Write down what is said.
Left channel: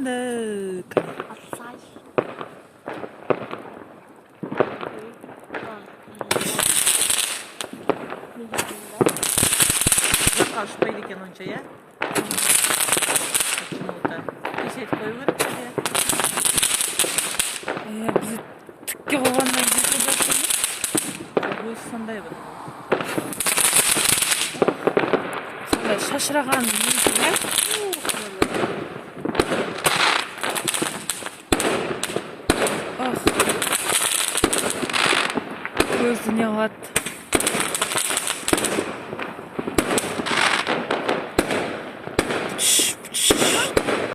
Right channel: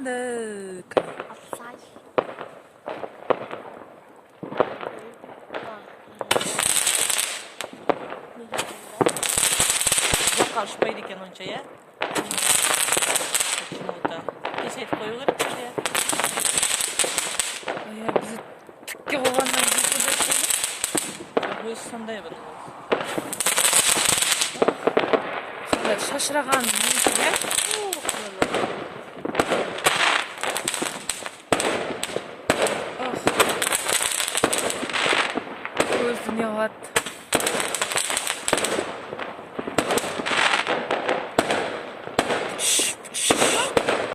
Фындык. Апсай. Жаққа ұшпайды екен онша, я? Почему-то. Кесет қою керек пе? Біз түкке қойғаннан кейін Өзі сондай бір. сондай шашыраған несі бар. Көзіне қалады.